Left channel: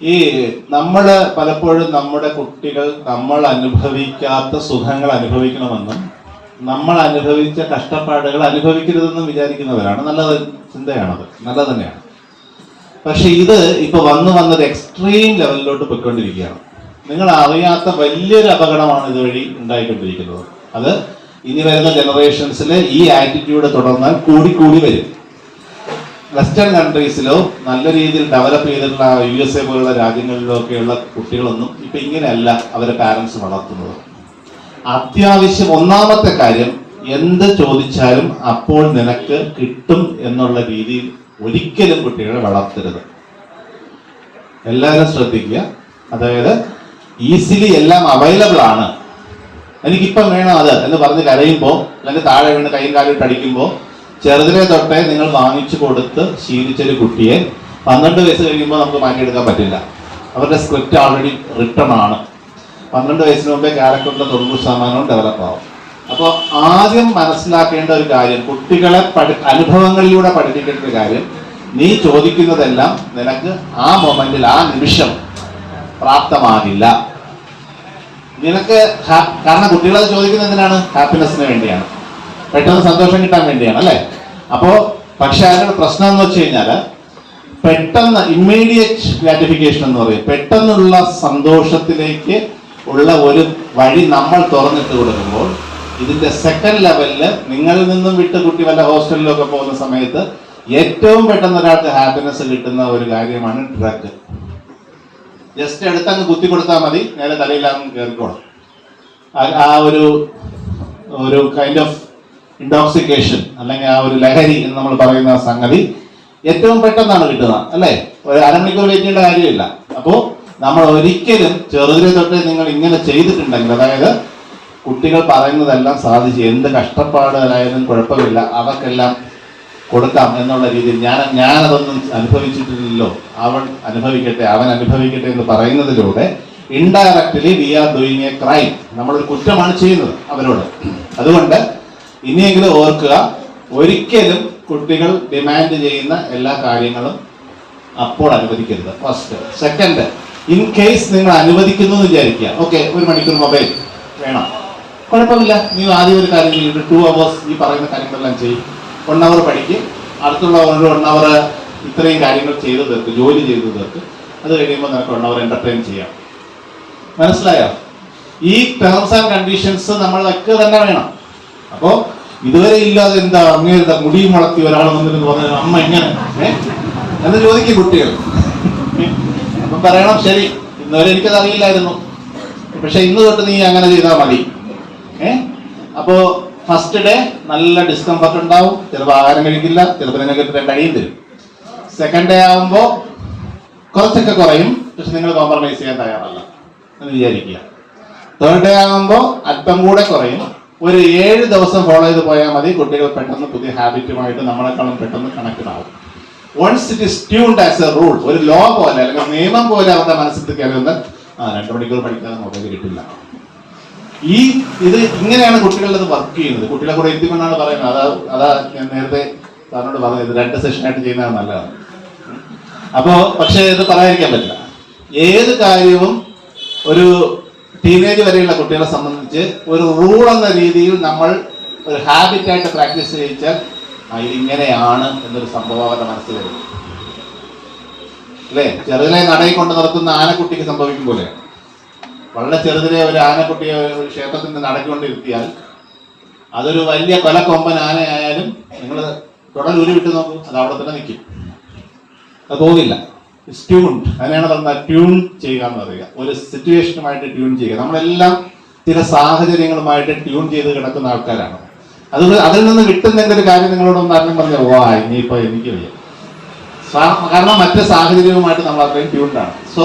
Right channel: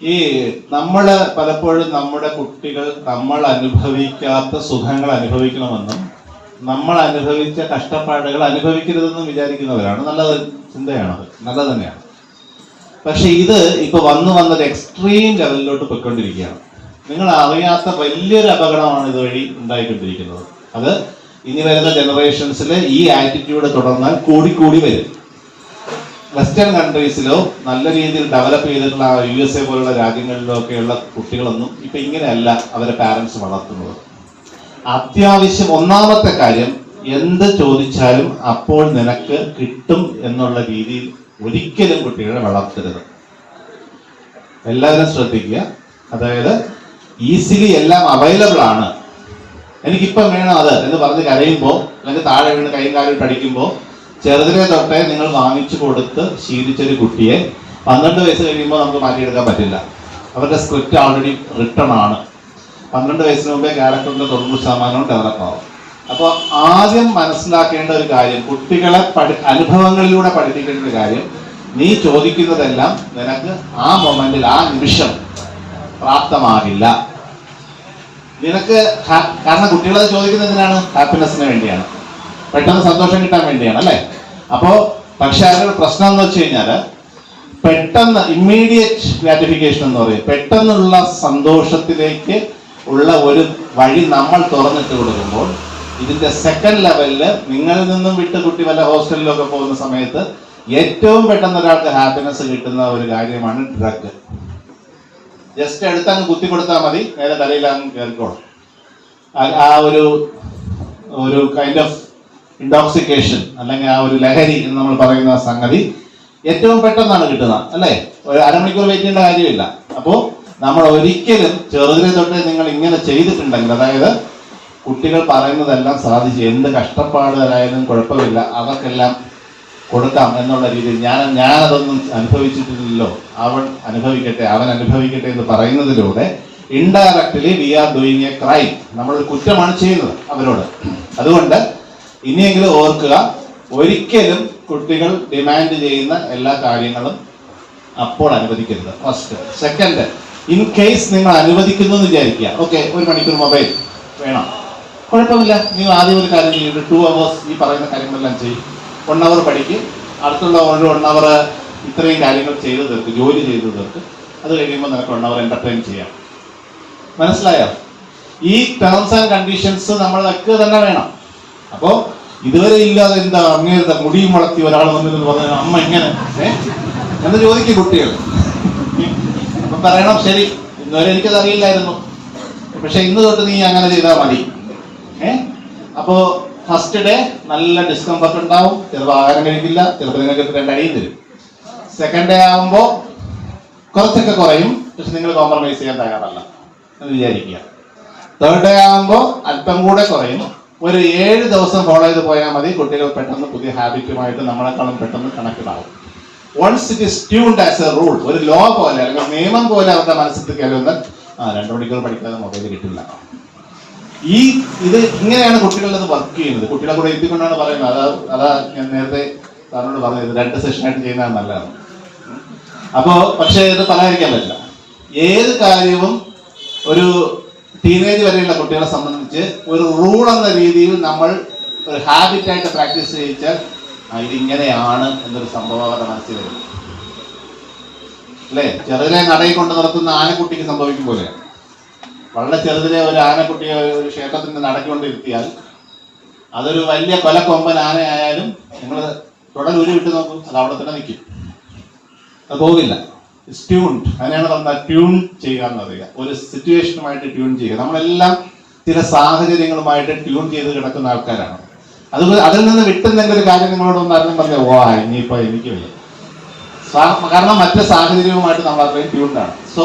ഈ നമ്മള് പലപ്പോഴും നമ്മുടെ കുട്ടികൾ നമ്മൾ അനുഭവിക്കാത്ത സുഖങ്ങൾ അനുഭവിക്കണമെന്നും നമ്മൾ അനുഭവിച്ച കഷ്ടപ്പാടുകൾ അനുഭവിക്കരുതെന്നും വിചാരിക്കുന്നവരാണ്. നല്ലത് ചിന്തയാണത്, നല്ലത് തന്നെയാണ്. പക്ഷെ ഇത് ഇപ്പൊ വന്നൊരു എക്സ്ട്രീം ലെവലിലോട്ട് പോയിക്കൊണ്ടിരിക്കുകയാണ്. നിങ്ങൾ അറിയാത്ത വലിയൊരു അപകടമാണ് ഇതുവഴി ഉണ്ടായിക്കൊണ്ടിരിക്കുന്നത്. അത് ഇനി വരുന്ന ജനറേഷൻസിൽ ഈ ആറ്റിറ്റ്യൂഡ് തുടർന്നാൽ കൂടി വരും. വെസ്റ്റേൺ കൺട്രീസിലോ നല്ല രീതിയിൽ ഡെവലപ്പ് ചെയ്തിട്ടുള്ള USA പോലുള്ള രാജ്യങ്ങളിലോ ഒക്കെയുള്ള കുട്ടികളൊന്നും ഇപ്പൊ ഇങ്ങനെയല്ല അവരെ പാരൻസ് വളർത്തുന്നത്. അത്യാവശ്യം ഒന്നാമത്തെ കാര്യം, എന്ത് ചോദിച്ചാലും അപ്പോൾ നിനക്ക് കിട്ടും എന്നുള്ള രീതിയിൽ ഒരിക്കലും കുട്ടികളെ വളർത്തരുത്. എല്ലാവരും ശ്രദ്ധിക്കുക. അതായത് ഈസിലി എല്ലാം അവൈലബിൾ ആണ്, എനിക്കിപ്പം വേണം അത് എന്ന് പറഞ്ഞ് കരയുമ്പോൾ അല്ലെങ്കിൽ താഴെ വീണ് കൈയും കാലിട്ട് അടിക്കുമ്പോൾ ചെറുതിനെ തൊട്ടേ നിങ്ങൾ വാങ്ങിച്ചു കൊടുത്ത് ശീലിച്ചൊരു കുട്ടിയെ 12 വയസ്സ് കഴിയുമ്പോൾ നമുക്ക് മാറ്റിയെടുക്കാൻ പറ്റില്ല. അവരുടെ സ്ക്രിപ്റ്റ് ആൾറെഡി റിട്ടൺ ആണ്. 12 വയസ്സിന് മുമ്പേ ക്യാരക്ടറിന്റെ 90% ഡെവലപ്പ് ആവും. അപ്പോൾ ആദ്യം മനസ്സിലാക്കേണ്ട ഒരു കാര്യം, കുട്ടികളെ അനുഭവങ്ങളിലൂടെ പഠിപ്പിക്കേണ്ട ഒരു കാര്യം, നീ ചോദിക്കുന്നതെല്ലാം നിനക്ക് ആ മൊമെന്റിൽ ആ നിമിഷം പ്രാപ്തമാകില്ല. നിനക്ക് കാരണം കുട്ടികളത് ചോദിക്കുന്നതിനാണ് ഹാപ്പിനെസ്സിന് വേണ്ടിയാണ്, പെട്ടെന്ന് സന്തോഷം കിട്ടാൻ വേണ്ടിയാണ്, അല്ലേ? അപ്പോ പക്ഷെ അതിനൊരു പ്രശ്നം എന്ന് വെച്ച് കഴിഞ്ഞാൽ പെട്ടെന്ന് ഇമ്മീഡിയറ്റ് ഗ്രാറ്റിഫിക്കേഷൻ എന്ന് പറയും, പെട്ടെന്നുള്ള സന്തോഷത്തിലേക്ക് ഉള്ള ഒരു വഴി നമ്മൾ തുറന്നിട്ട് കൊടുക്കുമ്പോൾ ഇതിന്റെ സെക്കൻഡ് ലെവലില് നിങ്ങളിൽ നിന്നും വിട്ട് കുട്ടി വല്ല ഹോസ്റ്റലിലൊക്കെ പോകുന്ന സമയത്ത് ഏറ്റവും പെട്ടെന്ന് ഒരാൾക്ക് ഹാപ്പിനെസ് കിട്ടുന്ന ഒരു കാര്യമാണ് ഡ്രഗ്. ജസ്റ്റ് എടുത്തങ്ങ് കുത്തി കൊടുത്താൽ മതി, നേരെ തലയിലാങ്ങ് കയറിക്കോളും. ആ ഒരു കൈൻഡ് ഓഫ് ഇൻടോക്സിക്കേഷൻ അല്ലെങ്കിൽ ആ ഒരു ലഹരി എന്ന് നമ്മൾ പറയുന്ന സംഗതി ഏറ്റവും പെട്ടെന്നാണ് കിട്ടുന്നത്, അല്ലേ? ഒരു അരമണിക്കൂർ വെയിറ്റ് ചെയ്യേണ്ട കാര്യമില്ല. അപ്പോൾ നമ്മൾ ഒരിക്കലും ചെറുതിനെ തൊട്ട് നിങ്ങൾ ഇങ്ങനെ ചെയ്തിട്ടുണ്ടെങ്കിൽ, അതായത് കുട്ടികൾ പറയുന്നതെല്ലാം സാധിച്ച് എന്ത് കഷ്ടപ്പാടുകളായാലും കുഴപ്പമില്ല, അവർക്കെല്ലാം കൊടുക്കാം എന്നുള്ള രീതിയിൽ ഞാനതൊന്നും അനുഭവിച്ചിട്ടില്ലല്ലോ, അവൻ അനുഭവിക്കട്ടെ എന്ന് പറയുന്നതിലൂടെ indirectly we are doing a crime. നമ്മളൊരു കുറ്റമാണ് ചെയ്യുന്നത് അവരോട്. അതുകൊണ്ട് ഇനിയെങ്കിലും ഓർക്കുക, ഒരിക്കലും കുട്ടികൾ ഡിമാൻഡ് ചെയ്യുന്ന എല്ലാ കാര്യങ്ങളും അപ്പോൾ അനുവദിക്കരുത്. ഫസ്റ്റ്. സെക്കൻഡ്, ഇൻ കേസ് നിങ്ങൾ അനുവദിക്കുന്നു എന്ന് വിചാരിക്കുക, ഓക്കെ 1 മണിക്കൂർ മൊബൈൽ വേണം, കുഴപ്പമില്ല, നിങ്ങൾ ആദ്യം ഒരു കാര്യം ചെയ്തിട്ട് 2 hours ഈ പറയുന്ന കാര്യങ്ങളെല്ലാം ചെയ്യും. 1 hour പഠിക്കും, അടുത്തുള്ള ഒരു 1 hour ഇത്രയും കാര്യങ്ങൾ ചെയ്തു തീർക്ക്, ജോലി ചെയ്തു തീർക്ക്. അത് കഴിയുമ്പോൾ നമുക്ക് 1 hour എന്റർടൈൻ ചെയ്യാം. മനസ്സിലായോ? ഈ ടേംസ് ആൻഡ് കണ്ടീഷൻസ് നമ്മൾ വെക്കുക തന്നെ വേണം. അപ്പോ ഇതുവരെ ഇല്ലാതെ എന്താ അങ്ങനത്തെ മുടിയും വളർത്തി ഒരാൾ വന്നിരുന്നു പറഞ്ഞ അമ്മ ഇങ്ങനെ എന്ന് ചോദിക്കും കുട്ടികൾ. പറയണം, ശരി, ഇന്നുവരെ എനിക്കത് അറിയില്ലായിരുന്നു, പക്ഷെ ഇന്ന് തൊട്ട് നീ അങ്ങനെ ചെയ്താൽ മതി. അപ്പോ ഫസ്റ്റ് ഡേ നല്ല ഡിസ്കംഫർട്ട് ഉണ്ടാവും, ചിലപ്പോൾ ആഹാരം കഴിക്കില്ല, ചിലപ്പോൾ നിങ്ങൾക്ക് 2 അടിയും തരും. സെക്കൻഡ് ഡേ ആകുമ്പോൾ കുറച്ചൊക്കെ കുറയും, പക്ഷെ നിങ്ങൾ കോംപ്രമൈസ് ചെയ്യാൻ തയ്യാറല്ല എന്ന് വിചാരിക്കുക. തേർഡ് ഡേ ആകുമ്പോൾ അല്പം കൂടെ കുറയും. ഒരു 7 ദിവസം ഫോളോ ചെയ്ത് പോയാൽ മതി, കുട്ടികൾ പെട്ടെന്ന് പുതിയ ഹാബിറ്റുമായിട്ട് നമ്മളെക്കാളും പെട്ടെന്ന് കണക്റ്റഡ് ആവും. Once it is tuned as a rule, ഒരു ലോ പോലെ അല്ലെങ്കിൽ നിയമം പോലെ അവരുടെ മനസ്സിൽ കയറുന്ന 2 മണിക്കൂർ പഠിക്കാതെ മൊബൈൽ കിട്ടില്ല. ഇത് ഇങ്ങനെയാണ് കുട്ടികളുടെ വർക്ക് ചെയ്യുന്നത്. കുട്ടികളെ കൂടെ എത്തിക്കൊണ്ടാണ് പറയുന്നത്. അതാ ഞാൻ നേരത്തെ സാറിനോട് പറഞ്ഞത്, 2 സെഷനായിട്ട് ചെയ്യുന്നതാണ് നല്ലതാണ്. അപ്പോ പക്ഷെ ഇത് പറയാതിരിക്കാൻ പറ്റില്ല. ഏത് കാര്യവും ഒരു ടീനേജ് വരെയുള്ള കുട്ടികളെ സംബന്ധിച്ച് ഒരു റൂൾ എന്ന രീതിയിൽ നമ്മൾ ഒരു ഹാബിറ്റായിട്ട് പ്രാക്ടീസ് ചെയ്യിച്ചാൽ ഇതിങ്ങനെയാണ് എന്നൊരു സംഭവം അവരുടെ മനസ്സിൽ വരും, അല്ലേ? ചെറുതിനെ നടയിൽ കൊണ്ട് നടത്തുന്ന ആനക്കുട്ടിക്ക് സംഭവിക്കും പോലെ വളരെ ചെറുതിനെ ഒരു ആനക്കുട്ടിയെ ഒരു ക്ഷേത്രത്തിന്റെ നടക്കൊണ്ടിരുത്തിയാൽ അതൊരു വലിയ കൊലക്കൊമ്പൻ ആനയായാലും നിങ്ങൾ തുടൽ ഉരുവിട്ട് നോക്കും, അത് അവിടെ തന്നെ നിൽക്കും, അത് പോകില്ല. ട്യൂൺഡ്, അതിനാണ് പറഞ്ഞാൽ ട്യൂൺ ചെയ്യുക എന്ന് പറയുക. ഒരു സിറ്റുവേഷനുമായിട്ട് ട്യൂൺ ചെയ്യുക. നമ്മളെല്ലാം ചില സാഹചര്യങ്ങളുമായിട്ട് ട്യൂൺ ചെയ്ത് കിടക്കുന്ന ആൾക്കാരാണ്. അതുകൊണ്ട് അതിൽ നിന്ന് വിട്ടുന്നതിൻ്റെ ഒരു കാര്യം നിങ്ങളോടൊന്ന് പറഞ്ഞ ഇനിയിപ്പോ എനിക്ക് വയ്യ, കാരണം മറ്റു സാഹചര്യവുമായിട്ട് നമ്മൾ അത്രയും ട്യൂൺഡാണ്. സോ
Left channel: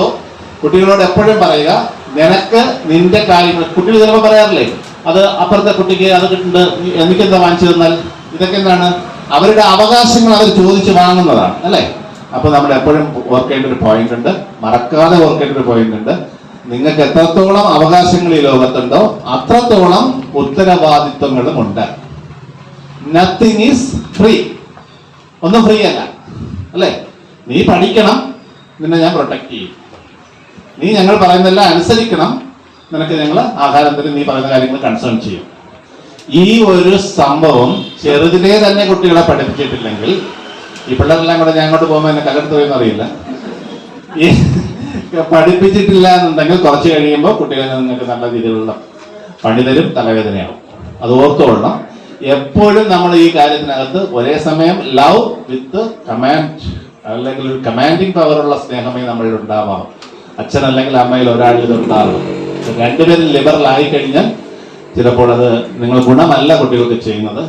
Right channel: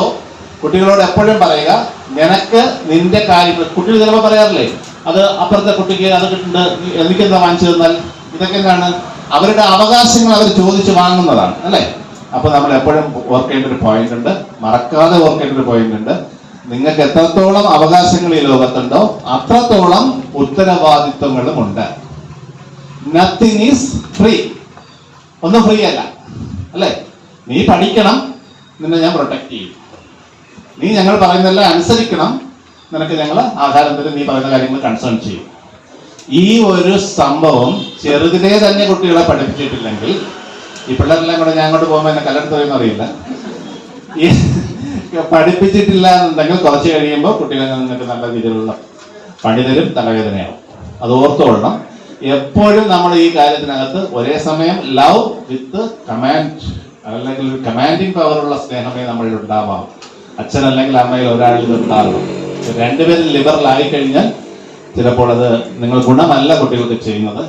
കുട്ടികളോട് എപ്പോഴും പറയുക, നിനക്ക് നിന്റെ കാര്യങ്ങൾ, കുട്ടികൾ ചിലപ്പോൾ പറയാറില്ലേ, അത് അപ്പുറത്തെ കുട്ടിക്ക് അത് കിട്ടുന്നുണ്ട്, എനിക്കെന്താ വാങ്ങിച്ചു തന്നാൽ, ഇതൊക്കെ എന്താണ് അവരുടെ അവകാശങ്ങൾ അവർ ചോദിച്ച് വാങ്ങുന്നതാണ്, അല്ലേ? അപ്പൊ നമ്മൾ എപ്പോഴും ഓർക്കേണ്ട ഒരു പോയിന്റ് ഉണ്ട്, മറക്കാതെ ഓർക്കേണ്ട ഒരു പോയിന്റ് ഉണ്ട്. നിങ്ങൾക്ക് എത്രത്തോളം അവകാശങ്ങൾ ഈ ലോകത്തുണ്ടോ അത്രത്തോളം ഉത്തരവാദിത്വങ്ങളും ഉണ്ട്. നത്തിങ് ഈസ് ഫ്രീ, ഒന്നും ഫ്രീ അല്ല, അല്ലേ? നീ പഠിക്കണം, നിന്നെ ഞാൻ പ്രൊട്ടക്ട് ചെയ്യും. നീ ഞങ്ങൾ പറയുന്നതെല്ലാം അനുസരിക്കണം, നിനക്ക് ഞങ്ങൾ ആഹാരം തരും, നീ പറയുന്ന കാര്യങ്ങൾ കൺസേൺ ചെയ്യും. ഈ ഒരു സംഭവം ചെറുതിലേ തന്നെ കുട്ടികളെ പഠിപ്പിച്ചിട്ടില്ലെങ്കിൽ, ഈ പിള്ളേരെല്ലാം കൂടെ ഞാൻ അങ്ങോട്ട് പോകുമ്പോൾ എന്നെ കല്ലെടുത്ത് അറിയില്ല, ഈ പഠിപ്പിച്ചിട്ടില്ല എന്നുണ്ടെങ്കിൽ കുറച്ച് കഴിയുമ്പോൾ കുട്ടികളെ നിങ്ങൾക്ക് നല്ല രീതിയിലുള്ള പണി തരും, തലവേദനയാവും. അത് ഓർത്തുകൊള്ളണം. എപ്പോഴും നമ്മൾ ഈ കാര്യത്തിനകത്ത് ഒരേ സമയം ലവ് വിത്ത് കമാൻഡ്, അല്ലെങ്കിൽ ഒരു കമാൻഡിങ് പവറുള്ള സ്നേഹമേ നമ്മളിൽ ഉണ്ടാവാം. അച്ഛനല്ലെങ്കിൽ അമ്മയിൽ ഒരാളിൽ ഉണ്ടാവും. രണ്ടുപേരും ലിബറൽ ആയി കഴിഞ്ഞാൽ ചിലപ്പോൾ അത് നിങ്ങൾ ഗുണമല്ല കുട്ടികൾക്ക് ചെയ്യുന്നത്.